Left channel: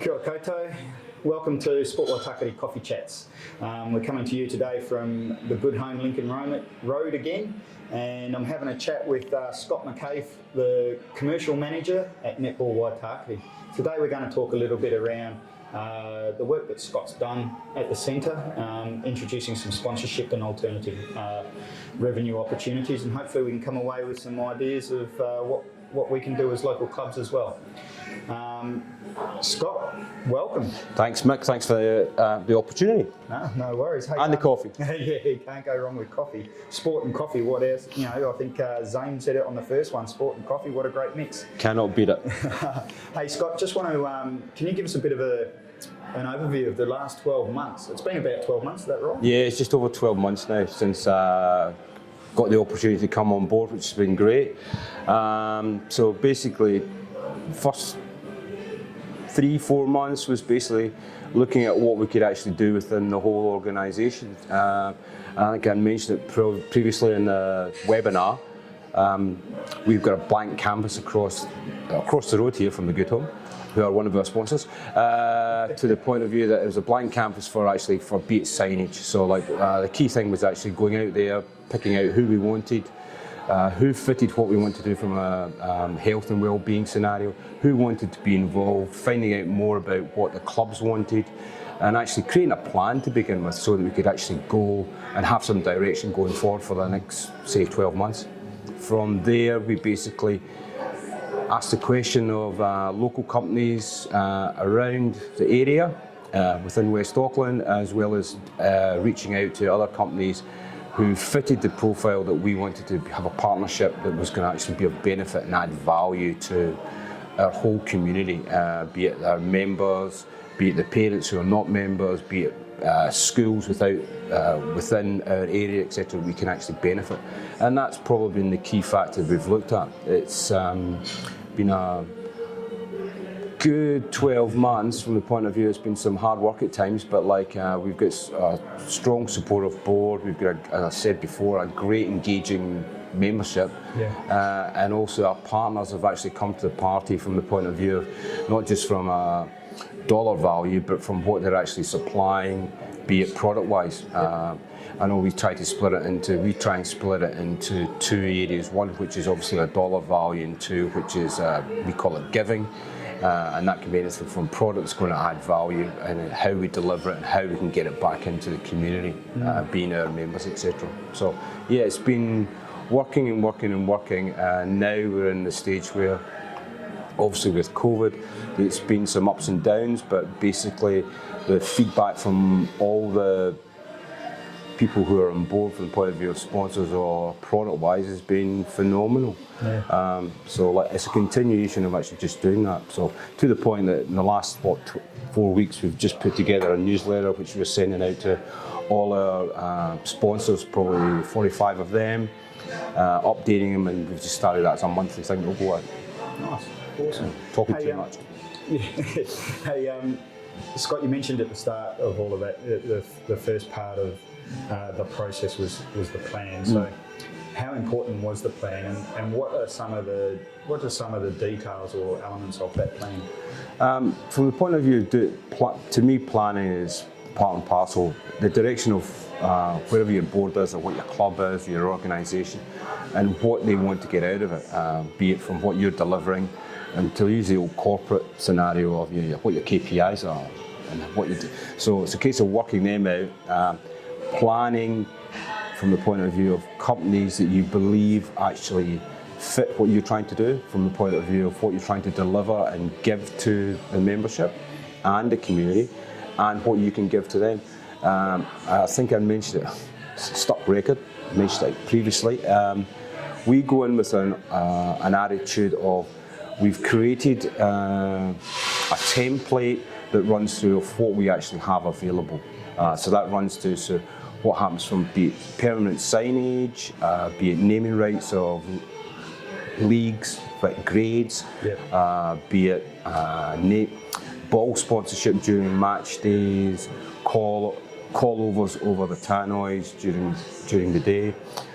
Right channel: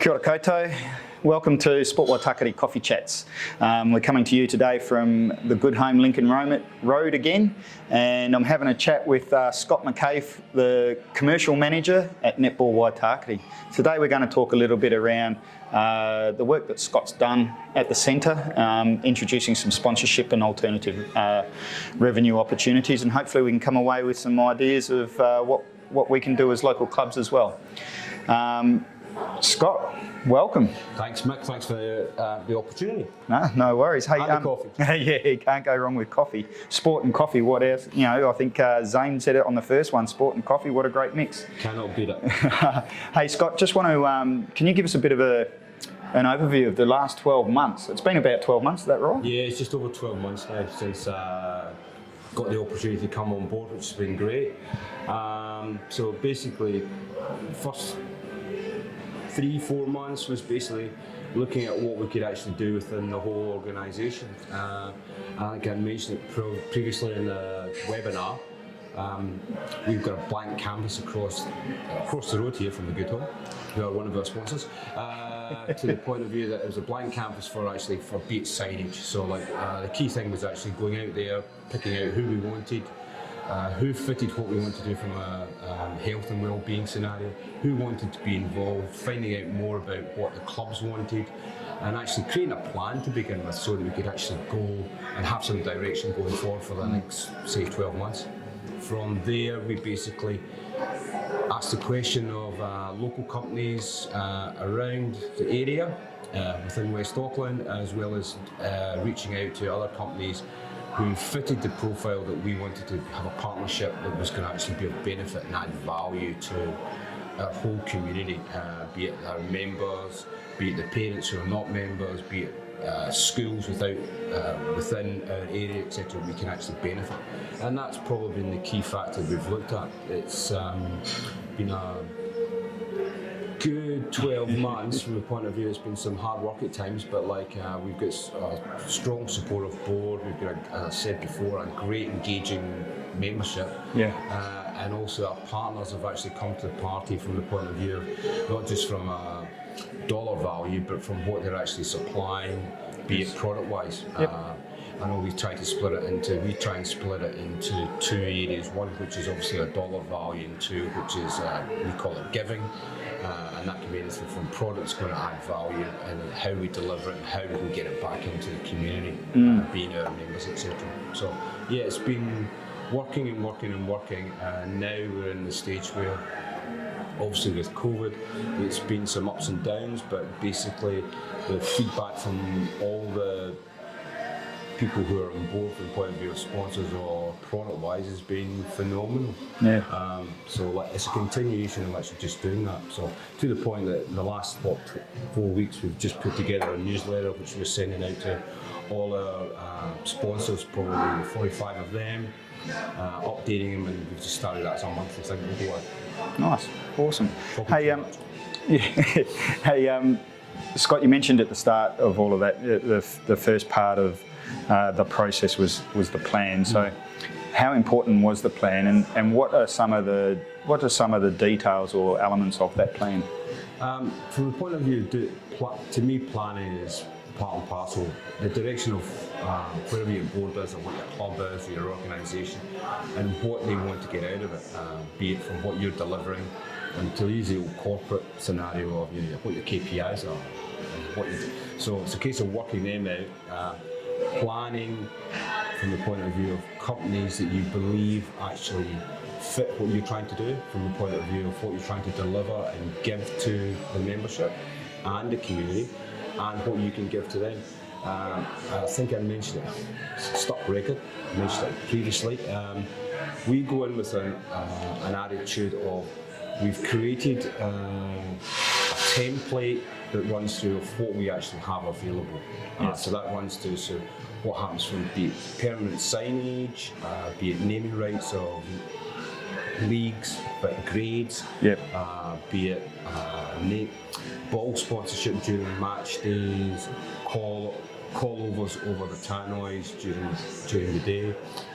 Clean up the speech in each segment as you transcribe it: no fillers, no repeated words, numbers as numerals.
Kia ora koutou. Welcome to Sport Waitakere Coffee Chats. We're coming to you today from the good home Lincoln Road again, and I'm having a chat with Scott MacKay, the commercial manager at Netball Waitakere. Today we're going to talk a little bit around the work that Scott's done at the centre, introducing some sponsorship and alternative revenue opportunities, and hopefully we can come away with some ideas of what we can do as local clubs as well. Scott, welcome. Thanks, Mick. Thanks for the opportunity. No worries. Hey, and the coffee. Yeah, you can't go wrong with coffee. Sport and coffee, what else? You know, I think Zane said it on the first one, sport and coffee, what a great mix. Cannot beat it. Hey, Scott, just want to, can you give us a bit of an overview of the last 12 months? It's been about 12 months, is that right? Yeah, it's just over 12 months now since got the opportunity to come on board, which has been great. So basically, first 3-4 months was basically looking at what we could actually do within the whole organisation. I think I mentioned it previously in the webinar. We've got a blank canvas across the road here from the Good Home, who are one of our sponsors, to the point of view that it was a blank canvas for be it signage. So the key thing was actually going out there, picking out who we wanted, who fitted what we wanted to do from a health and well-being scenario, who wanted to be involved, finding out more about what the clubs wanted, and actually creating a plan to begin with so that we could actually go and have some direction going forward for the next, say, 12 months. From there, we basically asked the question of local companies around the area, within West Auckland, as well as reaching out to other companies who fitted the profile that we wanted to have a partnership that was going to actually be of benefit and add value to our whole community, be it our members, be it the parents who are not members, be it schools within our area, etc. We can actually benefit, and that's probably been the key factor we've looked at. It's been a good 12 months from the point of view. It's been some hard work at times, but we've got a strong supportive board. We've got, as I said before, a great engaging membership, and also our partners have actually come to the party from the point of view of not just from a dollar value, but from what they're actually supplying, be it product-wise. I know we try and split it into two areas, one which is obviously a dollar value, and two which is, we call it giving. And that can be anything from products going to add value and how we deliver it and how we can get it back into the community, being our members, etc. So yeah, it's been working and working and working, and now we're in the stage where, obviously with COVID, it's been some ups and downs, but basically the feedback from all the people who are on board from the point of view of sponsors or product-wise has been phenomenal. So it's a continuation of actually just doing that. So to the point that in the last 4 weeks we've just put together a newsletter which we're sending out to all our sponsors, probably 45 of them, updating them, and we've just started that as a monthly thing to go on. Nice, awesome. Hey, Scott, you mentioned at the start of all of that, the first part of the process was the plan. So, how important was the plan, and what are some of the details or elements of that plan? From the point of view, to me, planning is part and parcel. The direction of wherever your board is, or what your club is, your organisation, and what they want to get out of it, be it from what you're delivering, and to use the old corporate scenario of what your KPIs are. So it's a case of working them out. Planning from the point of view of companies that you believe actually fit what you're trying to do, from the point of view of what you're trying to deliver and give to the membership and the community, and what you can give to them. I think I mentioned it, stuck record, I mentioned it previously. We go in with an attitude of, we've created a template that runs through of what we actually have available. So that runs through what happens from be it permanent signage, be it naming rights of leagues, like grades, be it ball sponsorship during match days, call-overs over the tannoys during the day,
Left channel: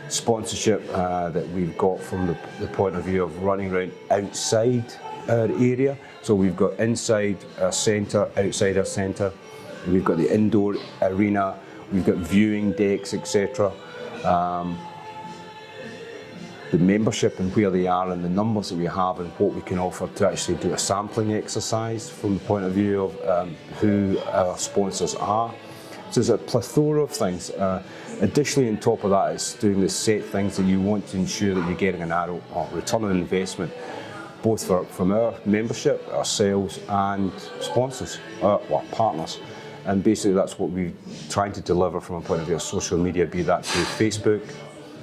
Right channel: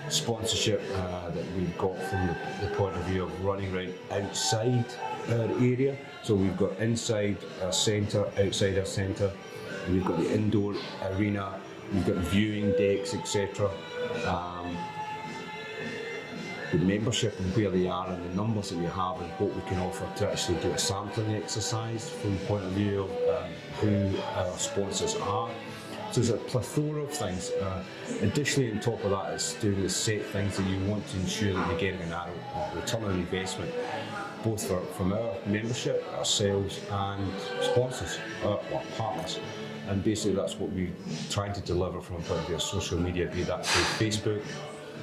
sponsorship that we've got from the point of view of running around outside our area. So we've got inside our centre, outside our centre, we've got the indoor arena, we've got viewing decks, etc. The membership and where they are and the numbers that we have and what we can offer to actually do a sampling exercise from the point of view of who our sponsors are. So there's a plethora of things. Additionally, on top of that, it's doing the set things that you want to ensure that you're getting an return on investment, both from our membership, our sales, and sponsors, our partners. And basically, that's what we're trying to deliver from a point of view of social media, be that through Facebook,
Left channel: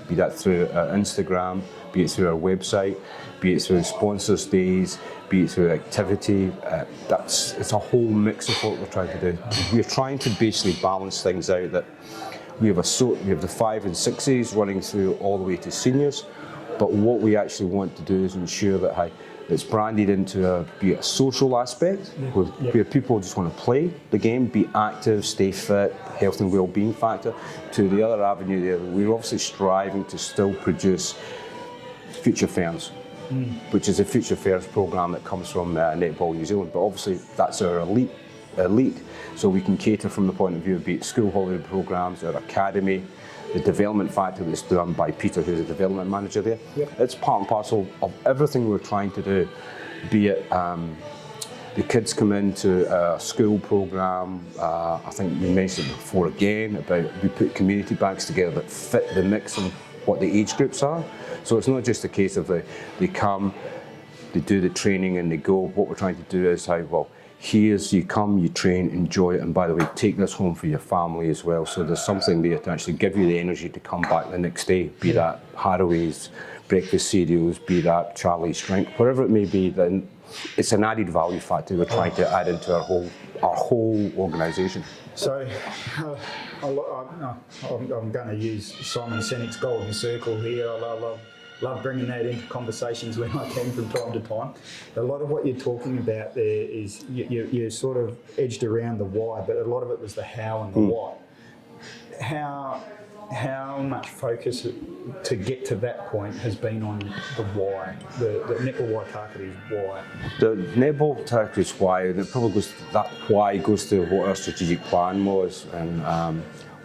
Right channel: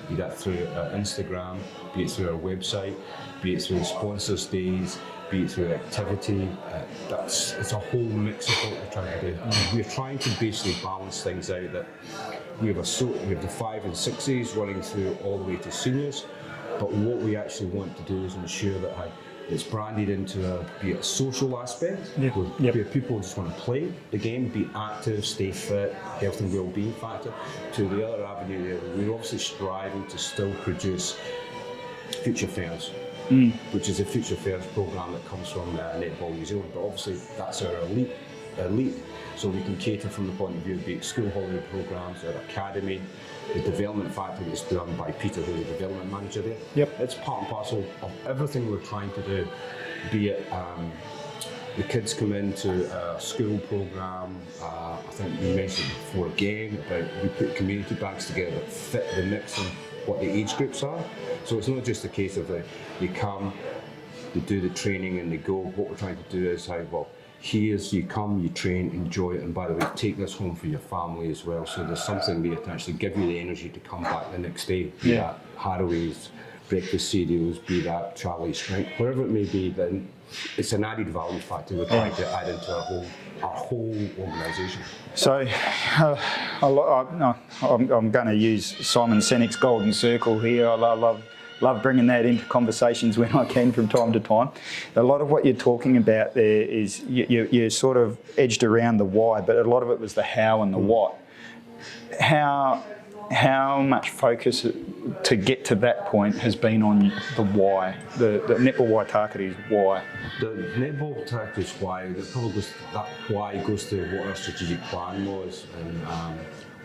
be that through Instagram, be it through our website, be it through sponsors days, be it through activity. It's a whole mix of what we're trying to do. We're trying to basically balance things out, that we have the 5 and 6s running through all the way to seniors, but what we actually want to do is ensure that it's branded into be a social aspect, where people just want to play the game, be active, stay fit, health and well-being factor. To the other avenue there, we're obviously striving to still produce Future Fairs, which is a Future Fairs programme that comes from Netball New Zealand, but obviously that's our elite. So we can cater from the point of view of be it school holiday programmes, our academy, the development factor that's done by Peter, who's the development manager there. It's part and parcel of everything we're trying to do, be it the kids come into a school programme. I think you mentioned before again about we put community bags together that fit the mix and what the age groups are. So it's not just a case of they come, they do the training and they go. What we're trying to do is here's you come, you train, enjoy it, and by the way, take this home for your family as well. So there's something there to actually give you the energy to come back the next day, be that Haraway's, breakfast cereals, be that Charlie's drink, whatever it may be. Then it's an added value factor we're trying to add into our whole organisation. So I'm going to use Simon Sinek's golden circle here. I love bringing that into conversations when I can from time to time. A lot of what you're talking about there is you sort of edged around the why, but a lot of it was the how and the what. How much focus to get to that point has been on the why, the Netball Waitakere's why? The Netball Waitakere's why, that why goes to what our strategic plan was, and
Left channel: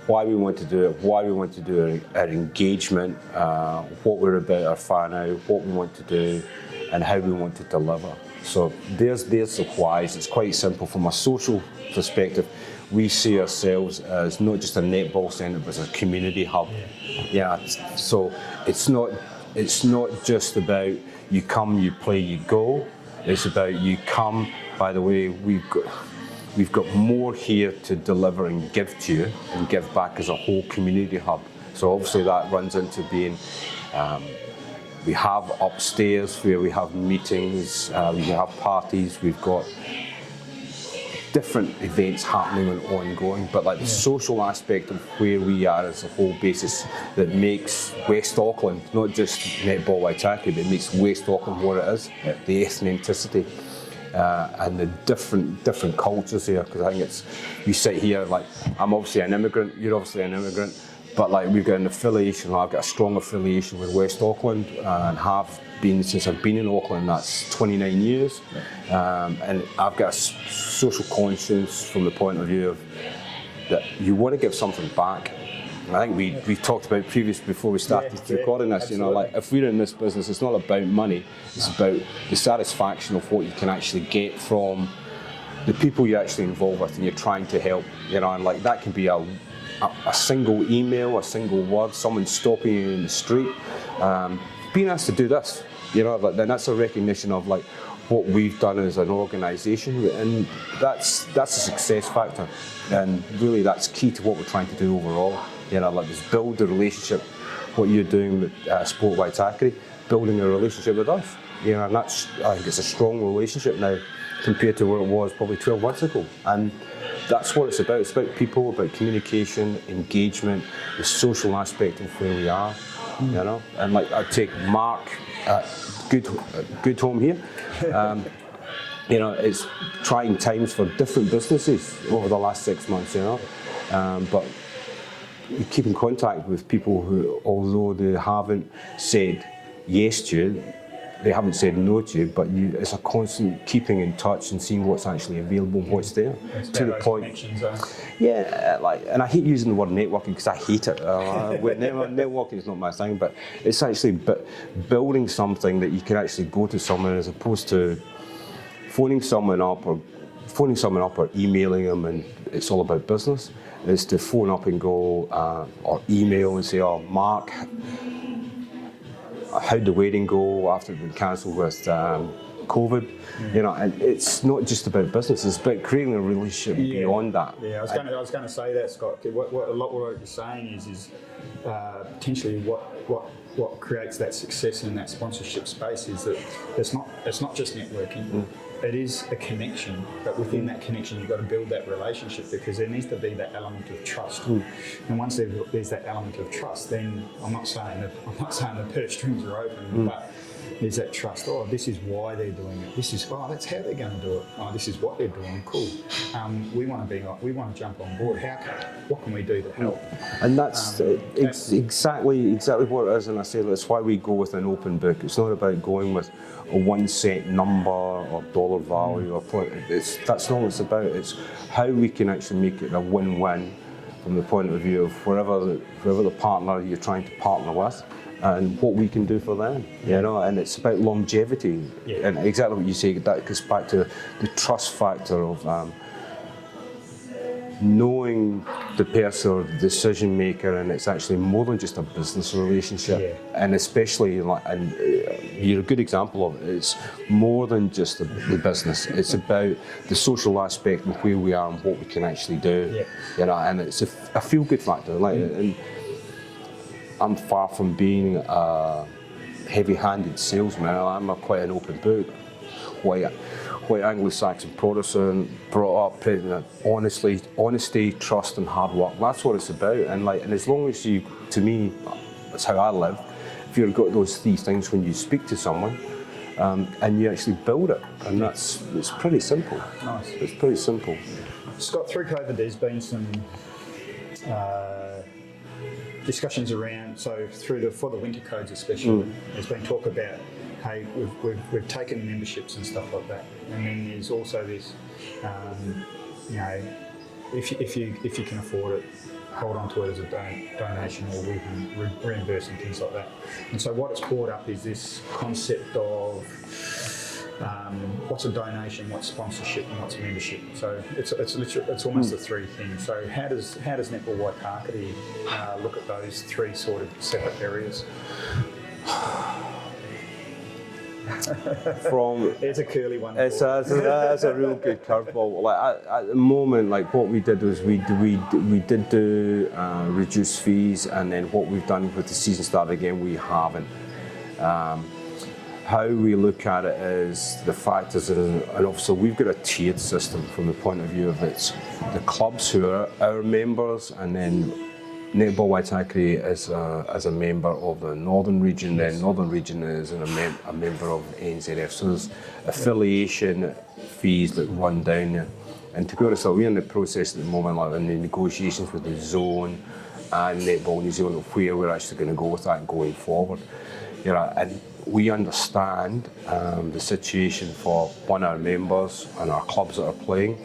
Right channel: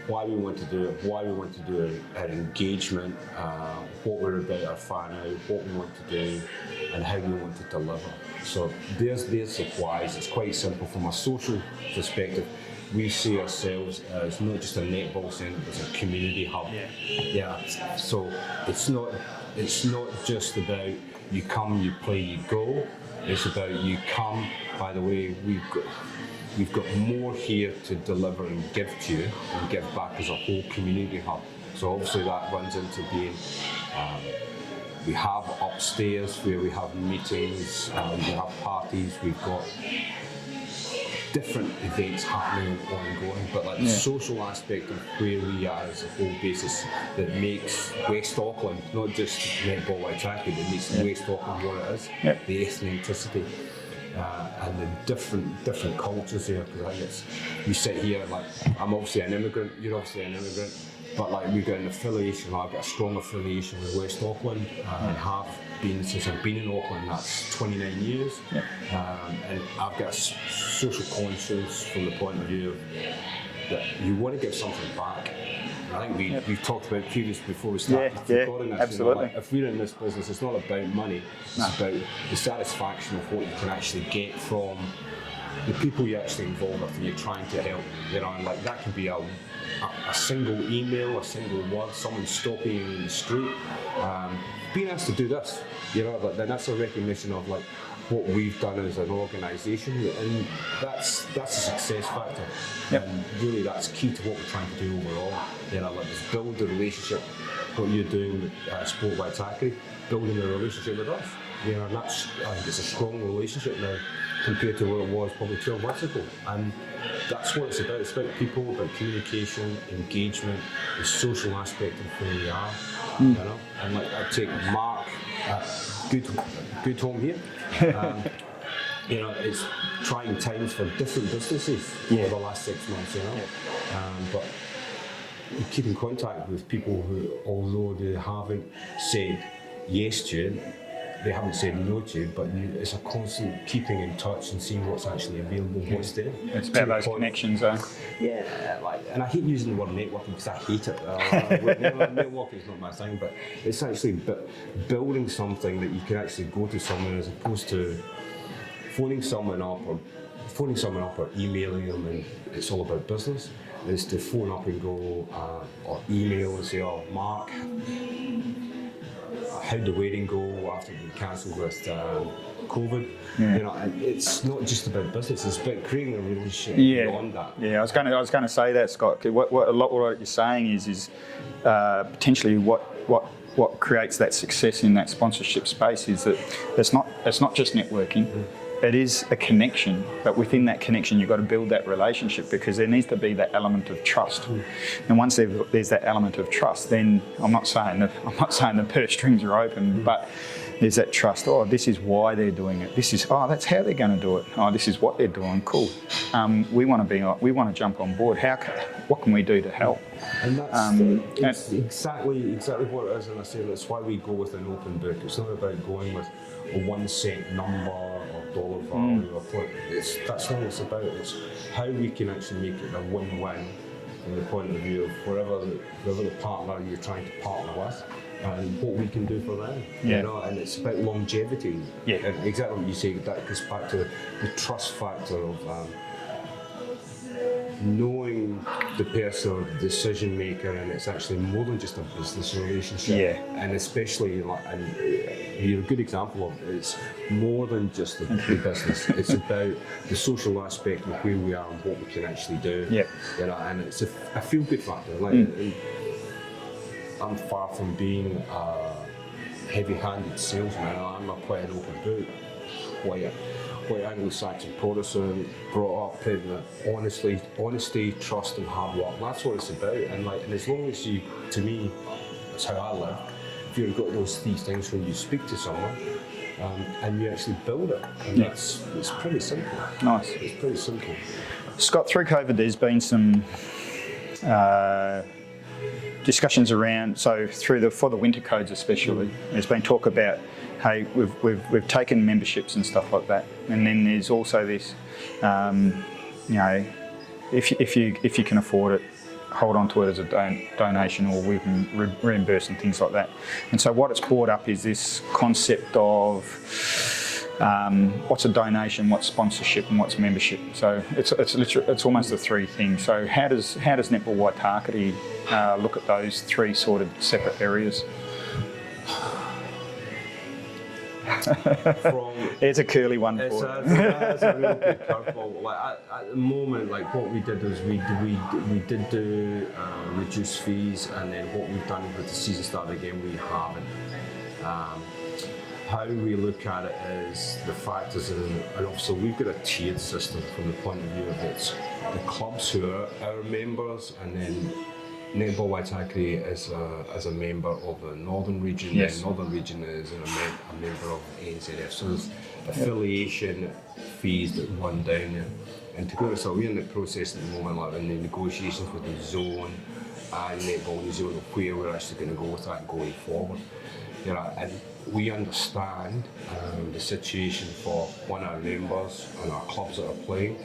why we want to do it, why we want to do our engagement, what we're about, our fan out, what we want to do, and how we want to deliver. So there's the whys. It's quite simple from a social perspective. We see ourselves as not just a netball centre, but as a community hub. So it's not just about you come, you play, you go. It's about you come. By the way, we've got more here to deliver and give to you and give back as a whole community hub. So obviously that runs into being, we have upstairs where we have meetings, we have parties, we've got different events happening and ongoing, but the social aspect of where we are as a whole basis that makes West Auckland, not just Netball Waitakere, that makes West Auckland what it is, the ethnicity. And the different cultures here, because I think you sit here, I'm obviously an immigrant, you're obviously an immigrant, but we've got an affiliation, I've got a strong affiliation with West Auckland, and have been since I've been in Auckland, that's 29 years, and I've got a social conscience from the point of view of that you want to give something back. I think we've talked about before we started recording this, if we're in this business, it's not about money, it's about the satisfaction of what you can actually get from the people you're actually involved with and you're trying to help, and that can be a single email, a single word, someone stopping you in the street, being asked to do this, then that's a recognition of what we've done as an organisation, and that's a success factor, and really that's key to what we're trying to do overall. Just build the relationship, what you're doing with Sport Waitakere, building a relationship with us, and that's, I think it's a strong relationship now compared to what it was probably 12 months ago, and that's what it's about. It's about people, about communication, engagement, the social aspect of where we are, and I take Mark, good home here. it's trying times for different businesses over the last 6 months, but you keep in contact with people who, although they haven't said yes to you, they haven't said no to you, but it's a constant keeping in touch and seeing what's actually available, what's there. It's about those connections, Yeah, and I hate using the word networking because I hate it. Networking is not my thing, but it's actually building something that you can actually go to someone as opposed to phoning someone up or emailing them, and it's all about business. Is to phone up and go or email and say, "Oh, Mark, how'd the wedding go after it been cancelled with COVID?" And it's not just about business; it's about creating a relationship beyond that. Yeah, I was going to say that, Scott. What you're saying is potentially what creates that success in that sponsorship space is that it's not just networking. It is a connection, but within that connection, you've got to build that relationship because there needs to be that element of trust. And once there's that element of trust, then I'm not saying the purse strings are open, but there's that trust. Oh, this is why they're doing it. That's how they're going to do it. Oh, this is what they're doing. Cool. We want to jump on board. What can we do to help? And that's exactly what it is. And I say that's why we go with an open book. It's not about going with a 1 cent number or dollar value or point. That's not what it's about. It's how we can actually make it a win-win from the point of view of whoever the partner you're trying to partner with, and what we can do for them. And it's about longevity. And exactly what you say, that goes back to the trust factor of knowing the person or the decision maker, and it's actually more than just a business relationship. And especially, and you're a good example of it. It's more than just the business. It's about the social aspect of where we are and what we can actually do. And it's a feel-good factor. I'm far from being a heavy-handed salesman. I'm quite an open book. White Anglo-Saxon Protestant, brought up in honesty, trust, and hard work. That's what it's about. And as long as you, to me, that's how I live. If you've got those 3 things when you speak to someone, and you actually build it, and it's pretty simple. Nice. It's pretty simple. Scott, through COVID, there's been some discussions around. So for the winter codes especially, there's been talk about, hey, we've taken memberships and stuff like that, and then there's also this, if you can afford it, hold on to it as a donation, or we can reimburse and things like that. And so what it's brought up is this concept of what's a donation, what's sponsorship, and what's membership. So it's almost the 3 things. So how does Netball Waitakere look at those 3 sort of separate areas? It's a curly one. It's a real good curveball. At the moment, what we did was we did do reduced fees, and then what we've done with the season start again, we haven't. How we look at it is the fact is, and also we've got a tiered system from the point of view of it's the clubs who are our members, and then Netball Waitakere as a member of the Northern Region. Yes. The Northern Region is a member of NZF. So there's affiliation fees that run down there. And to be honest, we're in the process at the moment, in the negotiations with the zone and Netball New Zealand, where we're actually going to go with that going forward. And we understand the situation for our members and our clubs that are playing.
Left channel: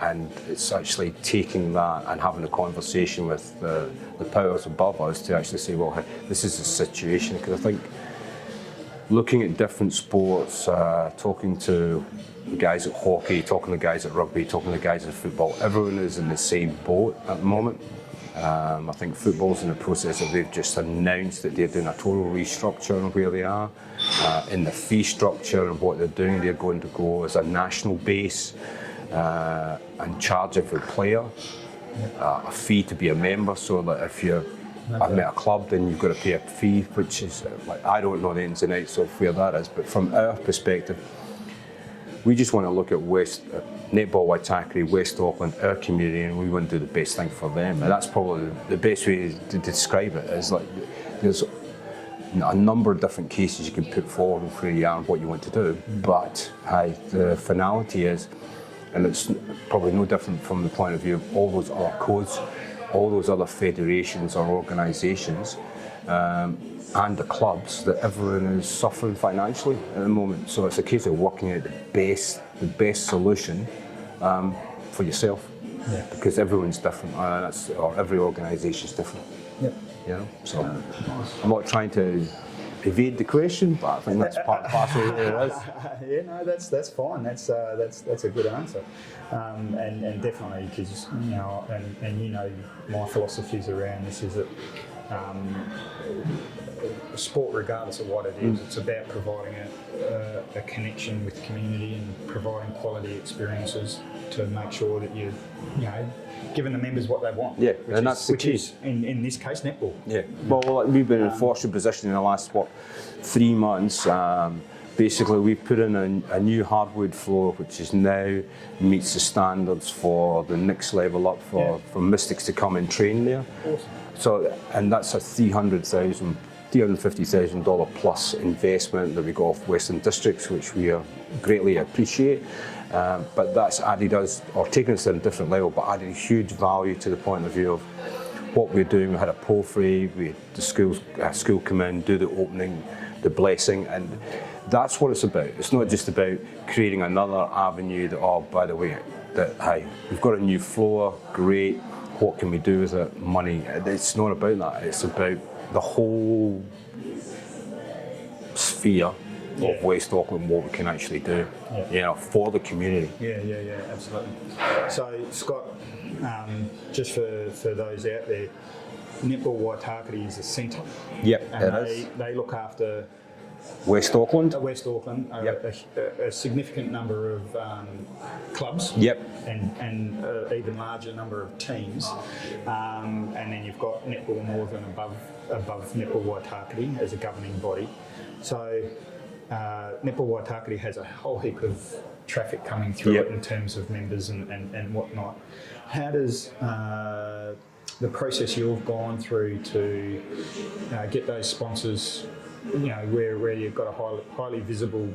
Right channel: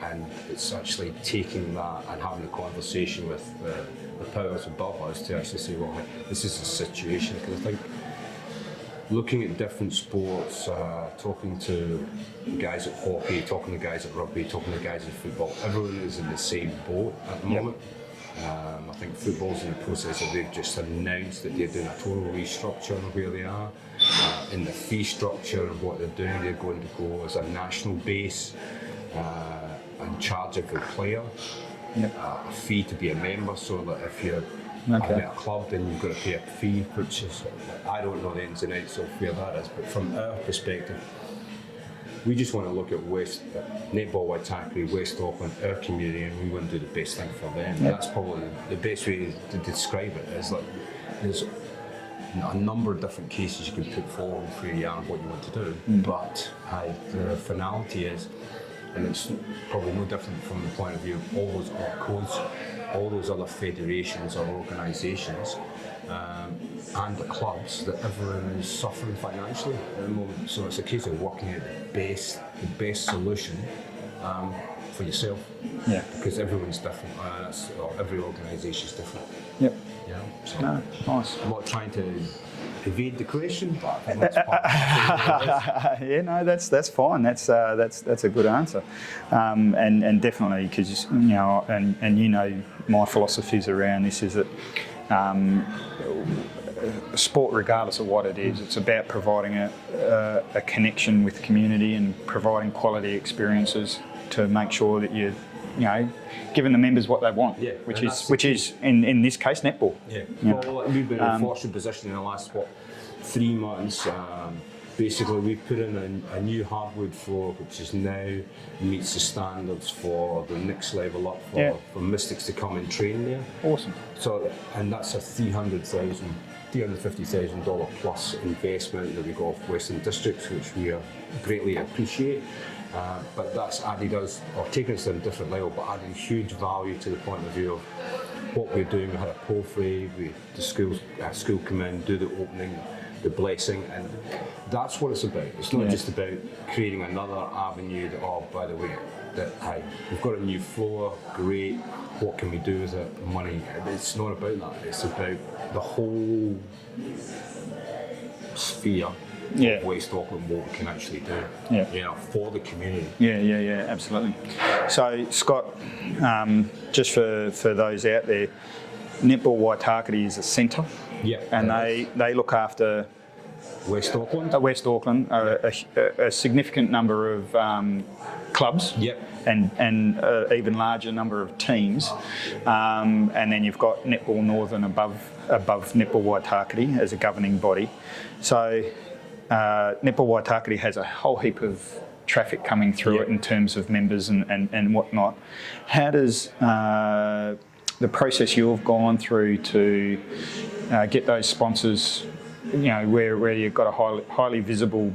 And it's actually taking that and having a conversation with the powers above us to actually say, well, this is the situation. Because I think looking at different sports, talking to guys at hockey, talking to guys at rugby, talking to guys at football, everyone is in the same boat at the moment. I think football's in the process of, they've just announced that they're doing a total restructure of where they are. In the fee structure of what they're doing, they're going to go as a national base. And charge every player a fee to be a member, so that if you're at a club, then you've got to pay a fee, which is I don't know the ins and outs of where that is, but from our perspective, we just want to look at Netball Waitakere, West Auckland, our community, and we want to do the best thing for them. And that's probably the best way to describe it. Is there's a number of different cases you can put forward for what you want to do, but the finality is, and it's probably no different from the point of view of all those other codes, all those other federations or organisations, and the clubs, that everyone is suffering financially at the moment. So it's a case of working out the best solution for yourself, because everyone's different, or every organisation is different. Yep. You know, so Nice. I'm not trying to evade the question, but I think that's part of it. Yeah, no, that's fine. That's a good answer, and definitely, because you know, and you know, my philosophies around this is that sport, regardless of what it is, it's about providing a connection with the community and providing quality experiences to make sure that you know, giving the members what they want. Yeah, which is in this case netball. Yeah. Well, we've been in a fortunate position in the last 3 months. Basically, we've put in a new hardwood floor, which is now meets the standards for the next level up for Mystics to come and train there. Awesome. So, and that's a $350,000 plus investment that we got off Western Districts, which we greatly appreciate. But that's added us, or taken us to a different level, but added huge value to the point of view of what we're doing. We had a porphyry, the school come in, do the opening, the blessing, and that's what it's about. It's not just about creating another avenue that, oh, by the way, that, hey, we've got a new floor, great, what can we do with it? Money. It's not about that. It's about the whole sphere of West Auckland, what we can actually do, you know, for the community. Yeah, absolutely. So, Scott, just for those out there, Netball Waitakere is a centre. Yep, and they look after West Auckland. West Auckland, a significant number of clubs. Yep. And even larger number of teams. And then you've got Netball Northern above Netball Waitakere as a governing body. So Netball Waitakere has a whole heap of traffic coming through it in terms of members and whatnot. How does the process you've gone through to get those sponsors, you know, where you've got a highly visible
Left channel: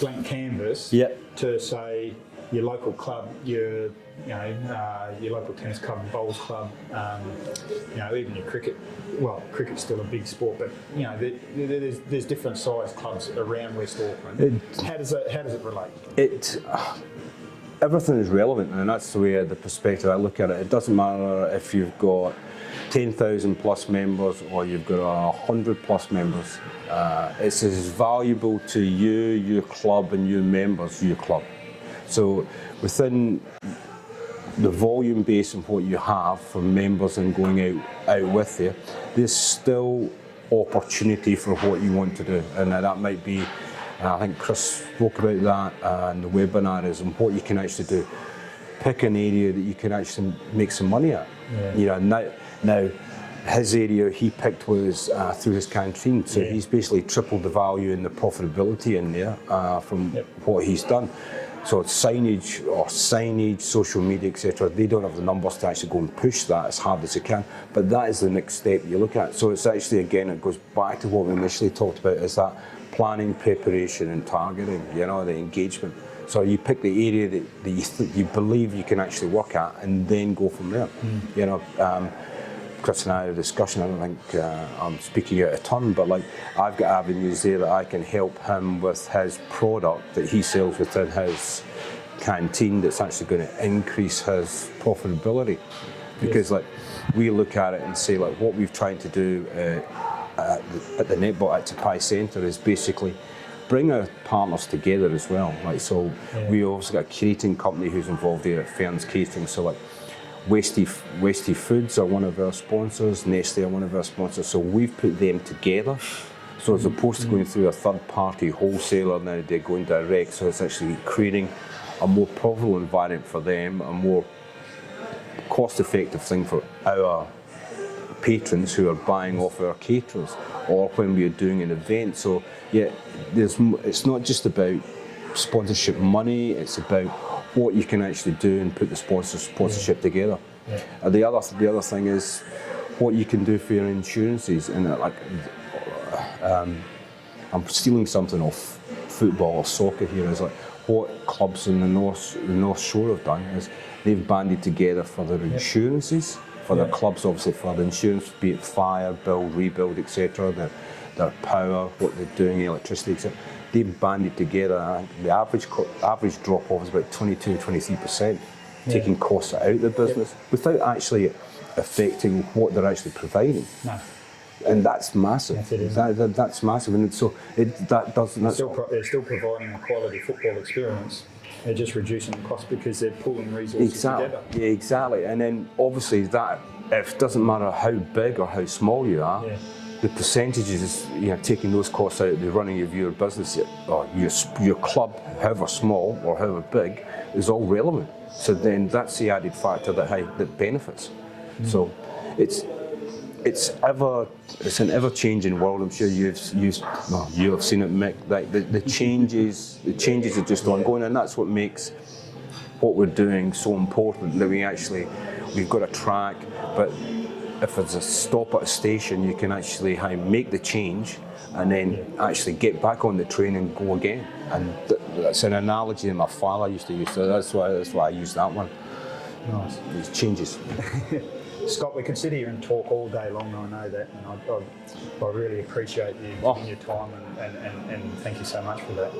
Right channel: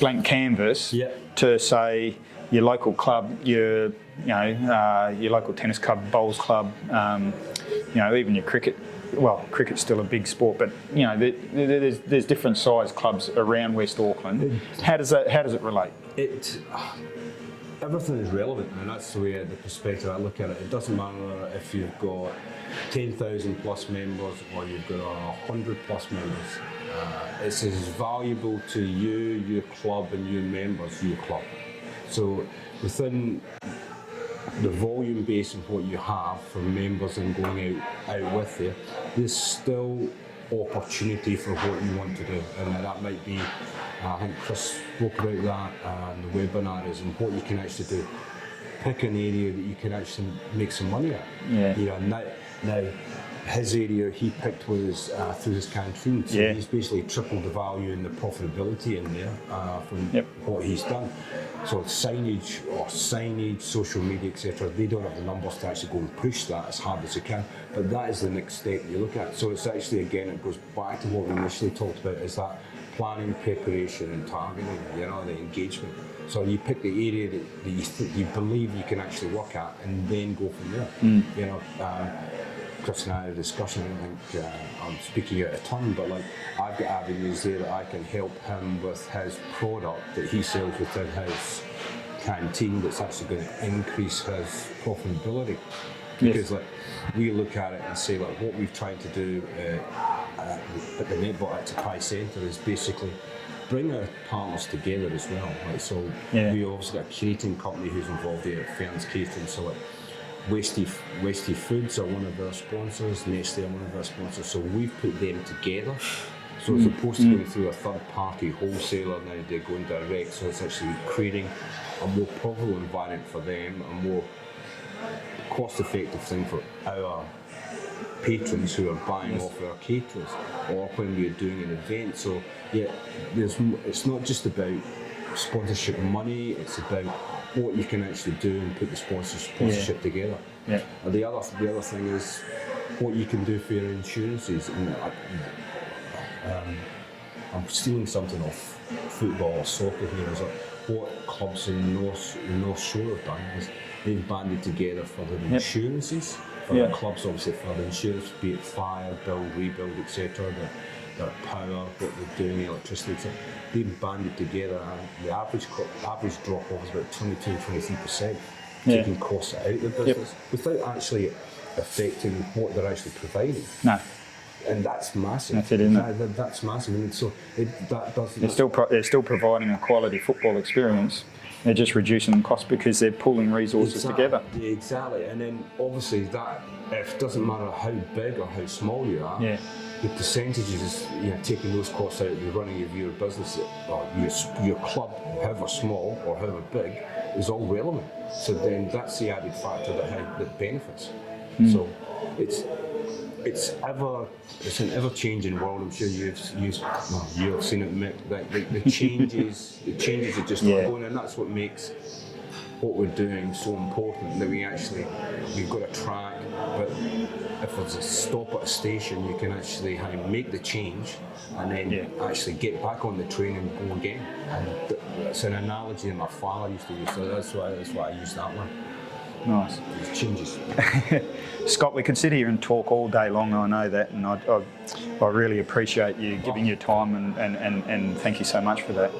blank canvas to say your local club, your local tennis club, bowls club, you know, even your cricket. Well, cricket's still a big sport, but you know, there's different size clubs around West Auckland. How does it relate? Everything is relevant, and that's the way, the perspective I look at it. It doesn't matter if you've got 10,000 plus members or you've got 100 plus members. It's as valuable to you, your club, and your members, your club. So within the volume base of what you have for members and going out with you, there's still opportunity for what you want to do, and that might be, I think Chris spoke about that and the webinars and what you can actually do. Pick an area that you can actually make some money at. You know, now his area he picked was through his canteen, so he's basically tripled the value and the profitability in there from what he's done. So signage, social media, etc. They don't have the numbers to actually go and push that as hard as they can, but that is the next step you look at. So it's actually, again, it goes back to what we initially talked about, is that planning, preparation, and targeting. You know, the engagement. So you pick the area that you believe you can actually work at, and then go from there. You know. Chris and I had a discussion. I don't think I'm speaking out of turn, but like, I've got avenues there that I can help him with his product that he sells within his canteen that's actually going to increase his profitability. Because like, we look at it and say, like, what we've tried to do at the Netball Waitakere Centre is basically bring our partners together as well. Like, so we also got a curating company who's involved here at Ferns Catering. So like, Wasty Foods are one of our sponsors, Nestle are one of our sponsors, so we've put them together. So as opposed to going through a third party wholesaler, now they're going direct, so it's actually creating a more profitable environment for them, a more cost effective thing for our patrons who are buying off our caterers, or when we're doing an event. So it's not just about sponsorship money, it's about what you can actually do and put the sponsorship together. And the other thing is what you can do for your insurances, and like, I'm stealing something off football or soccer here. Is like what clubs in the North Shore have done is they've banded together for their insurances, for their clubs obviously for the insurance, be it fire, build, rebuild, etc. Their power, what they're doing, electricity, etc. They've banded together. The average drop off is about 22-23%, taking costs out of the business without actually affecting what they're actually providing. No. And that's massive. That's it, isn't it? That's massive, and so that doesn't. They're still providing a quality football experience. They're just reducing the cost because they're pulling resources together. Yeah, exactly. And then obviously that, it doesn't matter how big or how small you are, the percentages, taking those costs out of the running of your business or your club, however small or however big, is all relevant. So then that's the added factor that benefits. So it's an ever-changing world. I'm sure you have seen it, Mick. Like the changes are just ongoing, and that's what makes what we're doing so important. That we've got a track, but if there's a stop at a station, you can actually make the change, and then actually get back on the train and go again. And it's an analogy that my father used to use, so that's why I use that one. Nice. It changes. Scott, we could sit here and talk all day long, I know that, and I really appreciate you giving your time and thank you so much for that.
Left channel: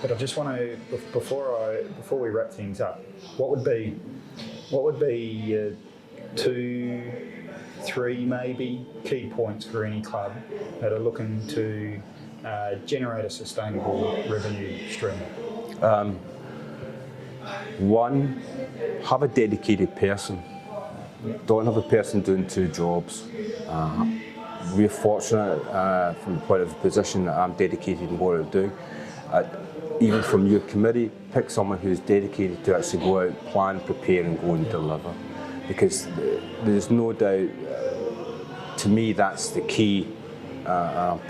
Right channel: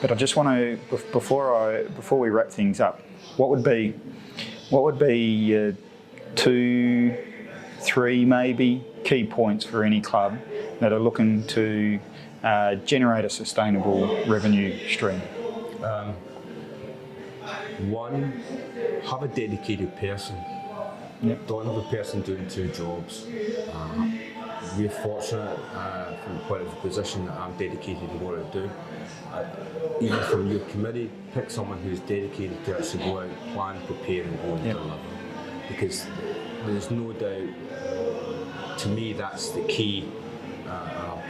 But I just want to, before we wrap things up, what would be 2, 3 maybe key points for any club that are looking to generate a sustainable revenue stream? One, have a dedicated person. Don't have a person doing 2 jobs. We're fortunate from the point of the position that I'm dedicated to what I'm doing. Even from your committee, pick someone who's dedicated to actually go out, plan, prepare and go and deliver. Because there's no doubt, to me, that's the key.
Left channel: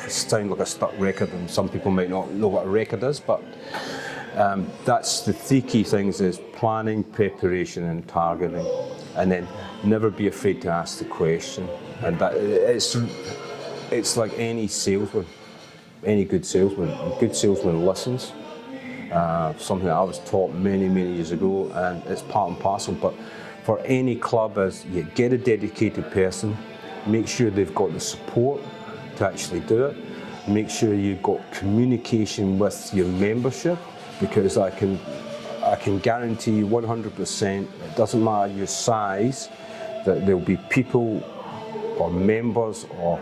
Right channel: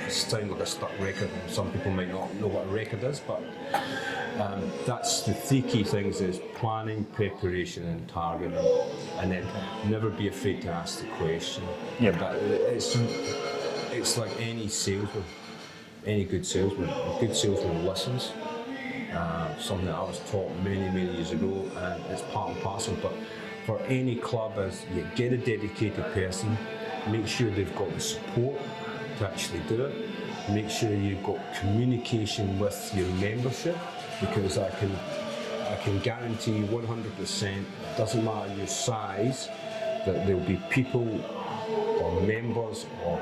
Sound like a stuck record, and some people might not know what a record is, but that's the 3 key things: is planning, preparation and targeting, and then never be afraid to ask the question. And it's like any salesman, any good salesman listens. Something that I was taught many years ago, and it's part and parcel. But for any club, is you get a dedicated person, make sure they've got the support to actually do it. Make sure you've got communication with your membership, because I can guarantee you 100%, doesn't matter your size, that there'll be people or members or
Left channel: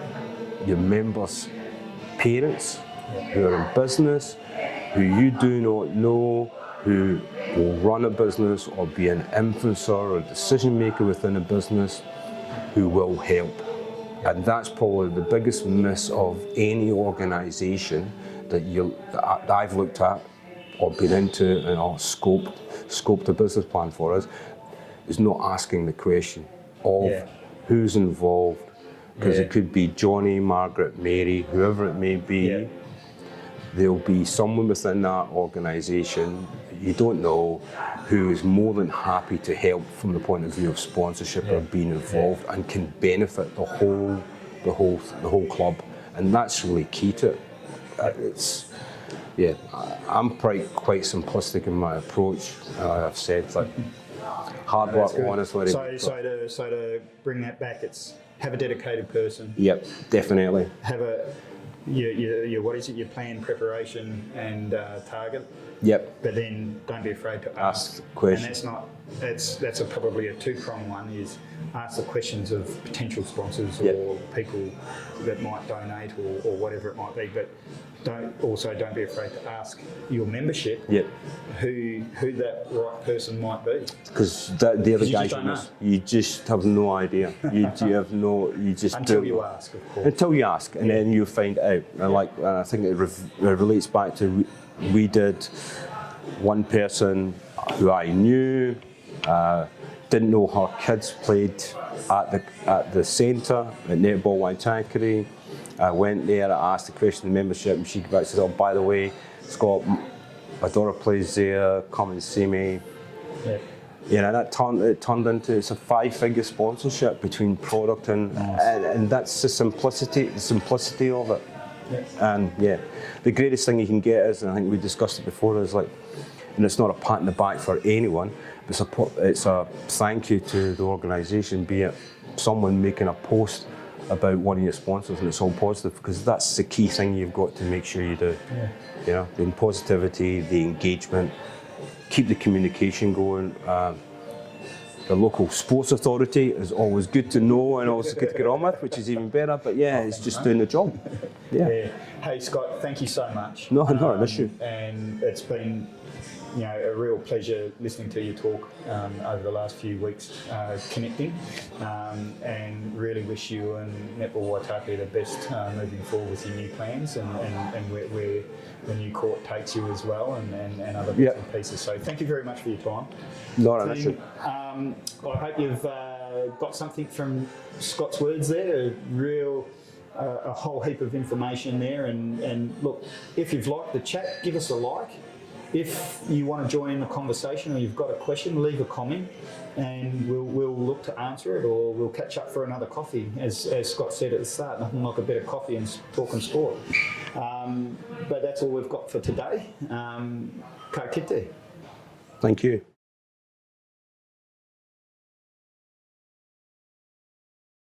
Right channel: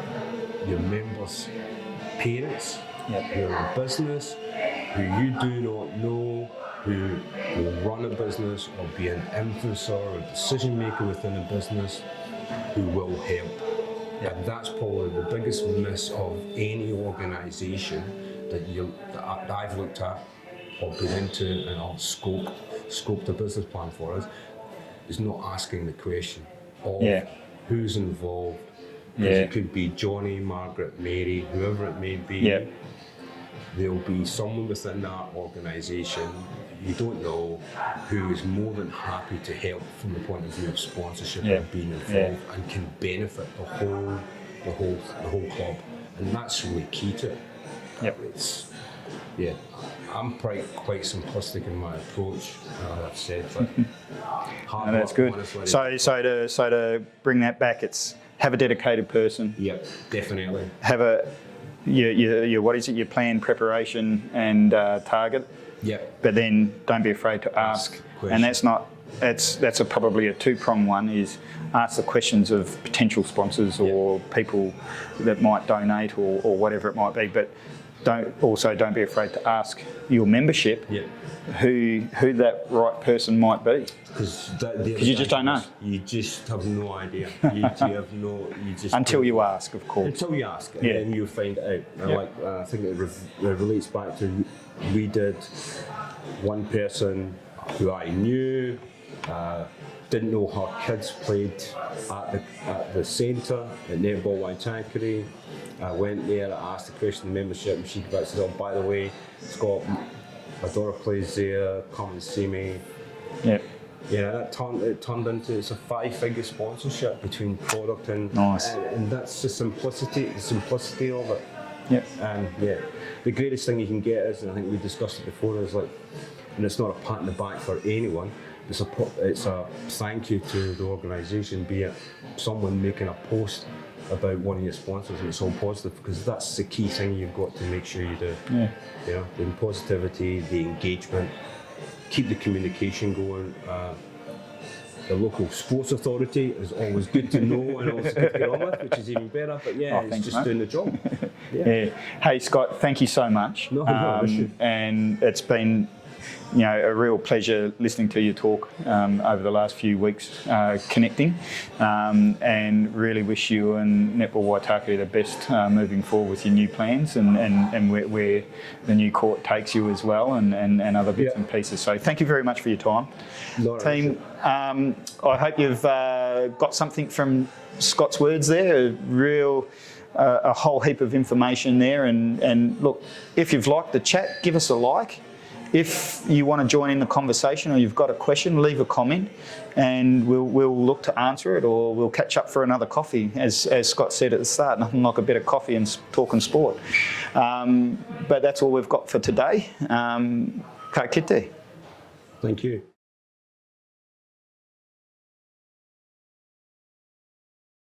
your members' parents who are in business, who you do not know, who will run a business or be an influencer or a decision maker within a business, who will help. And that's probably the biggest miss of any organisation that I've looked at or been into and scoped a business plan for us, is not asking the question of who's involved. Because it could be Johnny, Margaret, Mary, whoever it may be. There'll be someone within that organisation you don't know who is more than happy to help from the point of view of sponsorship or being involved and can benefit the whole club, and that's really key to it. I'm quite simplistic in my approach. I've said hard work, honestly. So to bring that back, it's have a dedicated person. Yep, definitely. Have your what is it? Your plan, preparation, and target. Yep. But then don't be afraid to ask questions. And that's probably a 2-pronged one, is ask the questions of potential sponsors or people that might donate or whatever it might be. But don't be afraid to ask your membership who that right person might be. Because you just don't know. You just have no idea. Until you ask, of course. Until you ask, and then you find out. And I think it relates back to, we did one person who I knew, didn't know her kids played at the centre at Netball Waitakere. I went there, I asked the question of membership, and she came back and said, "Oh, by the way, Scott, my daughter plays there, come and see me." Yeah. That turned into, it's a 5-figure sponsorship between product and that's the simplicity of it. Yeah. And yeah, the greatest thing you can get is, and I think we discussed it before, is like, and it's not a pat on the back for anyone, it's a thank you to the organisation, be it someone making a post about one of your sponsors, and it's all positive, because that's the key thing you've got to make sure you do. Yeah. You know, the positivity, the engagement, keep the communication going. The local sports authority is always good to know and always good to get on with, which is even better. But yeah, it's thanks, just mate. doing the job. Yeah. Hey Scott, thank you so much. No, issue. And it's been, you know, a real pleasure listening to you talk over the last few weeks, connecting, and really wish you and Netball Waitakere the best moving forward with your new plans and where the new court takes you as well, and other bits and pieces. So thank you very much for your time. Team, I hope you've got something from Scott's words there, a whole heap of information there, and look, if you've liked the chat, give us a like. If you want to join in the conversation or you've got a question, leave a comment and we'll look to answer it, or we'll catch up for another coffee. As Scott said at the start, nothing like a bit of coffee and talking sport. But that's all we've got for today. Ka kite. Thank you.